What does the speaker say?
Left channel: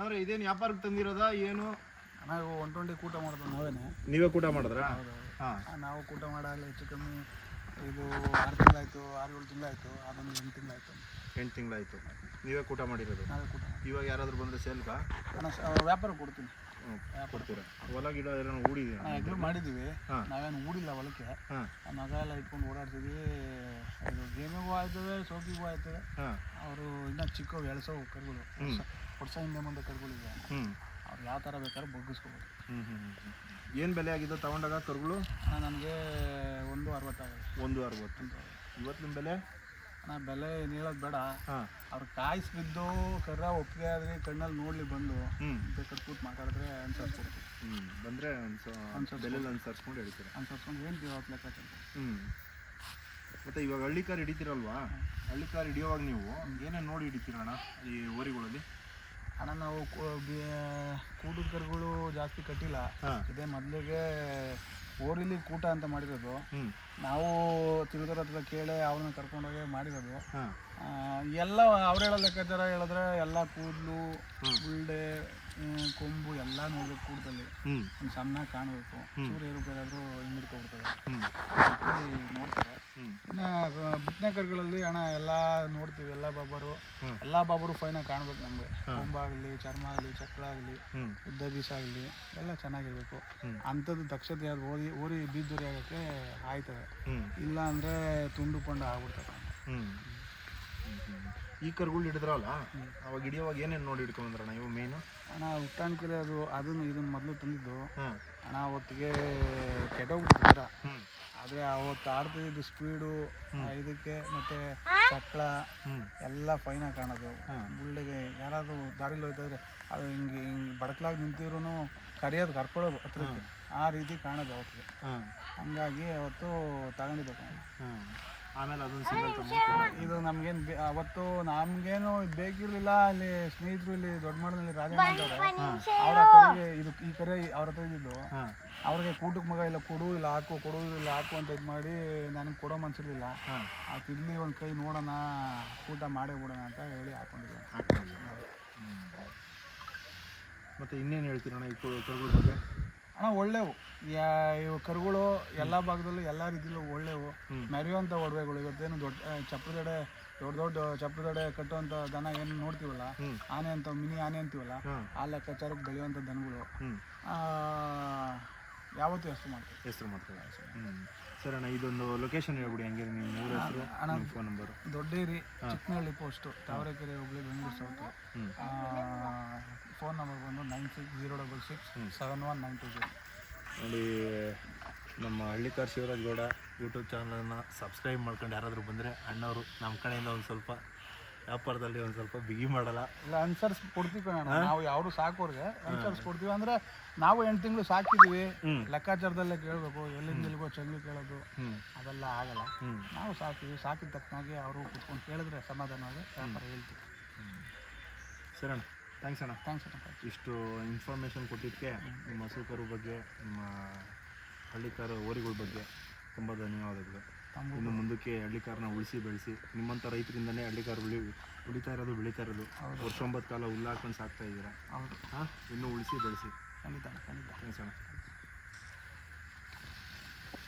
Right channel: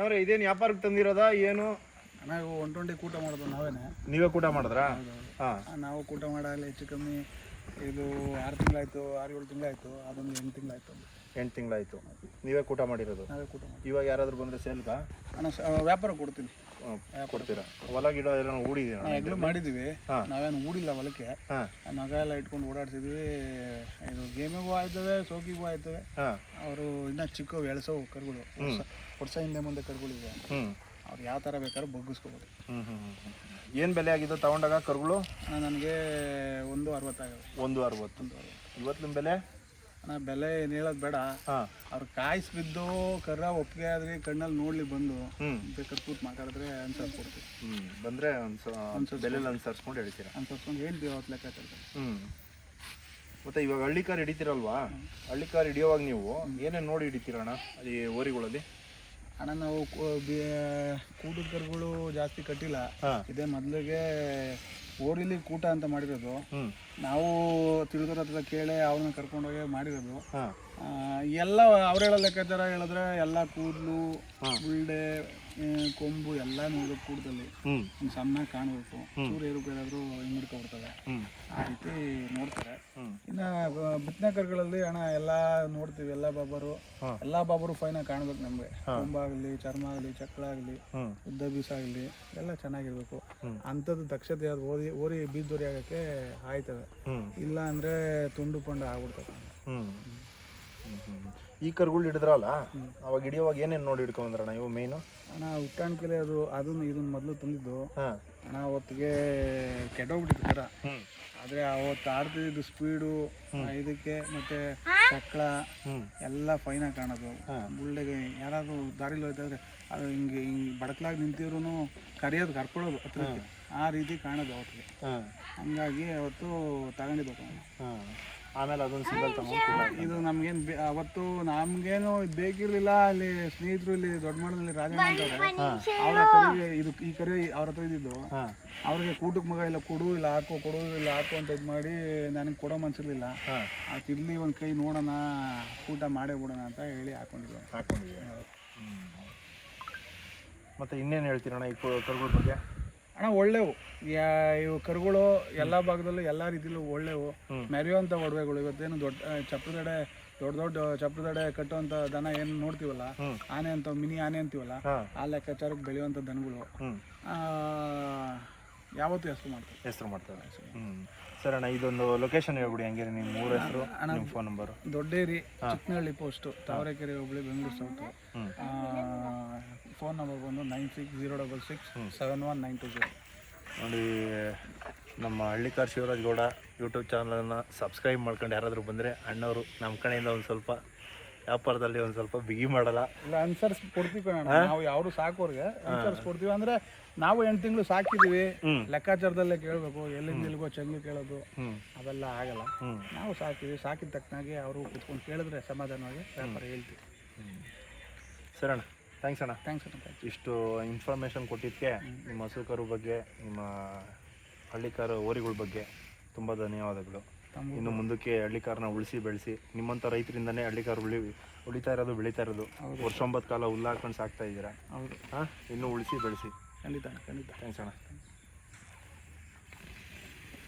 ಅಣ್ಣವ್ರೆ ಇದೇನು ವ್ಯಾಪಾರಕ್ಕೆ ತಂದಿರೋದಾ ಏನು? ನಾವು 120 ಕೂಟ ಮಾಡೋದು ನಾವೇನೆ. ನೀವೇ ಕೂಟ ಮಾಡಿದ್ರಾ? ಹಾಂ, ನಾವು ಕೂಟ ಮಾಡಲ್ಲ. ಹೆಚ್ಚು ಕಮ್ಮಿ ಇದು 6 ತಿಂಗಳಾಯಿತು, 6-7 ತಿಂಗಳಾಯಿತು. ಅದೊಂದು 8 ತಿಂಗಳಾಯಿತು. 8 ತಿಂಗಳಾಯಿತು ನೀವೇ ಕೂಟ ಮಾಡಿರೋದು? ನಾವೇ ಕೂಟ. ಇವಾಗ ಯಾರಾದರೂ ಬಂದರೆ ಸೇಲ್ಗಾ? ವ್ಯಾಪಾರ ಕೊಡ್ತೀನಿ. ಕೊಡ್ತೀರಾ? ಹೊಲ ಗಿಡ ಎಲ್ಲ ಹೂಡಿದ್ದೀರಾ? ಎಗ್ಲು ಮಾಡಿದ್ದೀವಿ. ನಾವೇನು ಹೂಡಿಲ್ಲ ಹೊಲಕ್ಕೆ. ಮಗ ಎಲ್ಲ ಇಟ್ಕೊಂಡು ಓಡಾಡ್ತಿದ್ವಿ. ಇದು ಗೇಮಿಗೂ ಆಯ್ತವೆ, ಸೋಕಿಗೂ ಆಯ್ತವೆ. ಅವರು ಇನ್ನೂ ಚಿಕ್ಕವು ಎಳ್ಸೋ ಕರುಗಳು, ವರ್ಷ ಹಿಂದೆ ಮುಂದೆ ಕರುಗಳಿವೆ. ಅವ್ರು ಯಾವ ಥರ ಬೇಕಾದ್ರೂ ಬಗ್ಗಿಸ್ಕೋಬೋದು. ಏನು ಬೆಲೆ ಆಗಿದ್ದು ತಗೊಂಡಾಗ ಕರುಗಳು? ನನಗೆ 1.60 ಆಗಿದೆ. 1.60. ಇವತ್ತಿನ ಬೆಲೆ? ಬೆಲೆ ಏನು ಹೇಳೋದು ಬೇಡ. ಅವ್ರು ಕಾಯಿಸಿ ಬಿದ್ದು ಕರ್ರ ಒಪ್ಪಿಗೆ ಆದರೆ ಕಣ್ಣಲ್ಲಿ ನೋಡ್ಲಿ ಬಂದು ಬೇಕಾದ್ರೆ ಕೂತ್ ಮಾತಾಡಿದ್ರೆ ಅನ್ಸರ್ಸ್ಕೊಡ್ತೀವಿ. ಬಂದರೆ ಬೆಲೆಲ್ಲ ಅನ್ಸರ್ಸ್ಕೊಂಡು ಹೇಳ್ತೀರಾ? ಅನ್ಸರ್ಸ್ಕೊಂಡು ಹೇಳ್ತೀವಿ ಅವತ್ತು ಲೆಕ್ಕಾಚಾರ. ಮತ್ತು ಇವಾಗ ಹಳ್ಳಿ ಕಾರ್ ಹಿಡಿತೀರಲ್ವಾ? ಹಳ್ಳಿ ಕಾರ್ ಹಿಡಿಯೋವಾಗ ನೀವು ಏನೇನು ನೋಡಿ ಹಿಡಿತೀರಣ್ಣ ಈ ಓರಿಗಳಲ್ಲಿ? ಅಣ್ಣ ನಾವು ಕೂಟದ ಕರುಗಳು ಜಾಸ್ತಿ ಕಟ್ಟಿಲ್ಲ. ಇದೇ ಮೊದಲಿಗೆ ಓರಿಲಿ ಕೂಟ ಅಂತ ಮಾಡಿರೋದು. ನಾವು ತಿಳಿದರ ಹತ್ರ ಕೇಳಿ ಅವ್ರನ್ನ ಕರ್ಕೊಂಡೋಗಿ ಮಾಡಿರೋದು. ಎಲ್ಲ ಅವ್ರು ಹೇಳೋ ಲೆಕ್ಕಾಚಾರ ಹೇಳಿದ್ರೆ ಎಲ್ಲ ಕೂದಲು, ಗುಳ್ಳೆ, ಕೊಂಬು ಎಲ್ಲ ನೋಡ್ಬೇಕು. ಕೂಟದಲ್ಲಿ ಒಂದು ಸಣ್ಣ ಕಾಣಬೇಕು. ಚೂರು ಏರುಪೇರಾದರೂ ಹಿಂಗಿಡ್ಕೊಬಿಡ್ತವೆ. ಆ ರೀತಿ ನೋಡ್ತಾರೆ. ಇನ್ನು ಬಿತ್ತನೆ ಕರುಗಳಲ್ಲಿ ಅಣ್ಣ ಎಲ್ಲ ನೋಡ್ತೀವಿ. ಎಲ್ಲ ಬಾಬರು ಫೈನಾಗಿ ಕಾಣ್ಬೇಕು ನಮಗೆ. ಕೊಂಬಾಗಲಿ, ಚರ್ಮ ಆಗಲಿ, ಚಕ್ರ ಆಗಲಿ, ಉದ್ದ ಬೀಸ ಆಗಲಿ ಎಲ್ಲ ಚೆನ್ನಾಗಿರ್ಬೇಕು. ಅಂಥದ್ದು ದಕ್ಷತೆ ಓರಿ ಬೀದ್ದೋರಿ ಆಗೋಕ್ಕೆ ಆಯ್ತದೆ. ಇಲ್ಲ ಅಂದರೆ ತುಂಡು ಪಂಡು ಆಗ್ಬಿಡ್ತದೆ. ಈ ಕರುಗಳು ಹಿಡಿದ್ರಲ್ಲ, ಅವಾಗ ಹಿಡಿಯೋವಾಗ ಏನೇನು ನೋಡಿ ಹಿಡ್ಕೊಂಡ್ರಣ್ಣ ಇವು ಮೇನು? ಅಣ್ಣ ಹುಟ್ಟಾಣಿಕೆಲೆ ಇದನ್ನು ಮೊದಲು ತಂದಿದ್ದು. ಅಣ್ಣ ಅವತ್ತಿಗೆ ಕೆಟ್ಟೋಗ್ಬಿಟ್ಟಿತ್ತು ಕರ. ಆದರೆ ಅವತ್ತು ಆಡ್ತಿದ್ದು ಸ್ಪೀಡು ಇದಕ್ಕೆ ಮತ್ತು ಚಕ್ರ ಎಲ್ಲ ಫೈನಾಗಿ ಕಾಣೋದು. ಬುಳ್ಳೆಗೆ ಯಾರಾದರೂ ದಾರಿಲಿ ಹೋಯ್ತಾದ್ರೆ ಅದು ಹಿಂಗೆ ಬಡಕ್ಲಾಗಿ ನಿಂತಿದ್ರು ಕರಿಯೋದು ಕರ್ಕೊಳ್ಳೋದು ಹತ್ರ. ಆ ರೀತಿ ಕಾಣೋದು ಅವತ್ತಿಗೆ. ಹಂಗಾಗಿ ಅವತ್ತು ತಗೊಂಡಿದ್ದು. ಆಮೇಲೆ ಅದೊಂದು ಸಿಂಗಲ್ ತಗೊಂಡು ಇದು ನಮಗೇನು ಅವತ್ತು ನಮಗೇನು ಬೇಕಿರಲಿಲ್ಲ. ಅಲ್ಲಿ ಸ್ನೇಹಿತರು ಇಲ್ಲಿ ದೊಡ್ಡ ಮಠದಲ್ಲಿ ರಾಜಣ್ಣ ಅಂತವ್ರೆ, ಅವರ ಕರಿಗೆ ಈ ಕರೆ ಅವ್ರ ಹತ್ರ ಇದ್ದಿದ್ದು. ಅವ್ರಿಗೆ ಕೂಟಕ್ಕೆ ಮಗ ಇಲ್ಲ ಕೊಡು, ಇಲ್ಲ ಹಾಕೋ, ಕೊಡು, ಇಲ್ಲ ಹಾಕು ಅಂತ ಇದು ಮಾಡಿ ನನಗೆ ಕೊಡೋ ಮನ್ಸಿರ್ಲಿಲ್ಲ. ಇರಲಿ ಒಂದು ಕೈ ನೋಡೋಣ, ಕೂಟ ಮಾಡೇ ಬಿಡೋಣ ಅಂತ ಹೇಳಿ ಹಾಕೊಂಡಿದ್ವಿ. ಮತ್ತು ಇನ್ನೇನು ಹೇಳ್ತೀರಣ್ಣ ಈ ಕರುಗಳ ಬಗ್ಗೆ? ಅಣ್ಣ ಒಳ್ಳೆವು ಇವು ಕರುಗಳು ಎಲ್ಲ ಭಾಗದಲ್ಲೂ ಎಲ್ಲ ರೀತಿಯಲ್ಲೂ ಒಳ್ಳೆವು. ಮೆರೆಯುವಂಥ ಒಡವೆಗಳು. ಇವತ್ತೇನು ದೊಡ್ಡ ಚಪ್ರದಡೆ ಕಟ್ಟುವಂಥ ದನ ಏನು ನೋಡ್ತೀವಲ್ಲ, ಆನೆ ಅಂತ ಮಿನಿ ಆನೆ ಅಂತೀವಲ್ಲ, ಆ ಲೆಕ್ಕಾಚಾರಕ್ಕೆ ಬೆಳೆಯುವಂಥ ದನಗಳು ಯಾವತ್ತೂ ಹೆಸರು ಮಾಡ್ತಾರೆ. ಸರ್ ಅಣ್ಣ, ಇದೊಂದು ಲೊಕೇಶನ್ ಹೇಳ್ಬಿಡಿ. ಹಂಗೆ ನಿಮ್ಮ ಊರ ಹೆಸರು, ನಿಮ್ಮ phone number? Dodderi, Chikkanahalli post, Tavarekere ಹೋಬಳಿ, ಬೆಂಗಳೂರು ಸೌತು. ಫೋನ್ ನಂಬರ್ ಬಂದು 9606671920. ನೋಡಿ, ನಮ್ಮ ಹಳ್ಳಿಕಾರ್ ಶಿವರಾಜ್ ಗೌಡ ಯೂಟ್ಯೂಬ್ ಚಾನಲನ್ನು ಸಬ್ಸ್ಕ್ರೈಬ್ ಮಾಡ್ಕೊಂಡು ಯಾರಾದರೂ ಬಂದರೆ ಅಣ್ಣವರು ನಮ್ಮ ಕಡೆಯಿಂದ ಒಂದು ಸ್ವಲ್ಪ ವ್ಯಾಪಾರದಲ್ಲಿ ಒಂದು ಸ್ವಲ್ಪ ಬಿಗಿ ಮಾಡಲ್ಲ. ಇಲ್ಲ, ಅನ್ಸರ್ಸ್ ಕೊಡ್ತೀವಿ ಕಣ. ನಾವು ಯಾರು ಸಾಕೋರ್ಗೆ ಅನ್ಸರ್ಸ್ ಕೊಡ್ತೀವಿ. ಅಂದರೆ ನಾವು 8 ತಿಂಗಳು ಸಾಕಿದ್ದೀವಿ. ಲೆಕ್ಕಾಚಾರದಲ್ಲೇ ಕೇಳಬೇಕು. ಎಲ್ಲಿಂದ ಎಲ್ಲಿಗೋ ಚೆಂಗ್ಳು ಕೇಳೋದು ಅದೆಲ್ಲ ಆಗಲ್ಲ. ನಾವು ಸಾಕಿದ ತಕ್ಕನಾಗಿ ಅವರು ಕುತ್ಕೊಂಡು ಕೇಳಿದ್ರೆ ಸಮಾಧಾನವಾಗಿ ವ್ಯಾಪಾರ ಹೇಳ್ತೀವಿ. ಸರಿ ಅಣ್ಣ, ಥ್ಯಾಂಕ್ಸ್ ಅಣ್ಣ. ಥ್ಯಾಂಕ್ಸ್ ಅಣ್ಣ. ಇಷ್ಟು ಇನ್ಫಾರ್ಮೇಷನ್ ಕೊಟ್ಟಿದ್ದಕ್ಕೆ ನಿಮ್ಮ ಹಸುಕರು ಬಗ್ಗೆ, ನಿಮ್ಮ ಹಳ್ಳಿಕಾರ ಓರಿಗಳ ಬಗ್ಗೆ ತುಂಬ ಧನ್ಯವಾದಗಳು. ಇನ್ನು ಮುಂದಕ್ಕೆ ಹಳ್ಳಿಕಾರನ ಉಳಿಸಿ ಬೆಳೆಸಿ. ನಿಮ್ಮಂಥ ರೈತರಿಂದನೇ ಹಳ್ಳಿಕಾರ ಉಳಿತಾ ಇರೋದು, ಬೆಳೀತಾ ಇರೋದು. ವರ್ಷ 9 ಕಾಲ ಹುಲ್ಲು ಹಾಕೊಂಡು ಸಾಕ್ತಾ ಇದ್ದೀರಾ. ಹೌದು. ಇನ್ನೂ ಉಳಿಸಿ ಬೆಳೆಸಿ. ಖಂಡಿತ. ಥ್ಯಾಂಕ್ಸ್ ಅಣ್ಣ.